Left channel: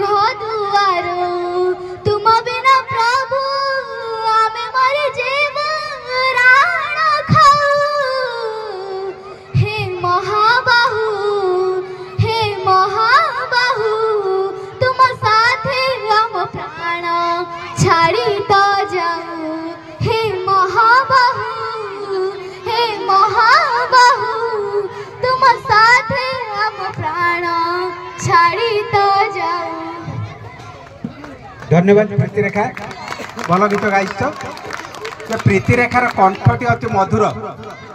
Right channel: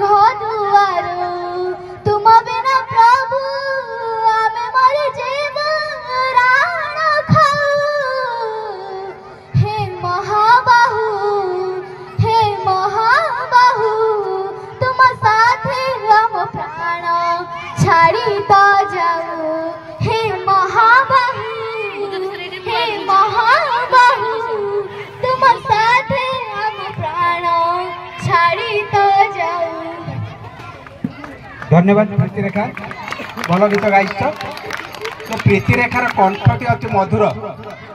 दुआरो तुम बिना प्रभु आमे मरे जीव राण खाऊ। हे महाबाहु तुम साथे हम प्राण छाड़ी तो जाऊ। हे महाबाहु तुम साथे हम प्राण छाड़ी तो जाऊ। धन्यवाद प्रीतिरेखा, भल गीत गाइछ। प्रीतिरेखार कंठटी अति मधुर।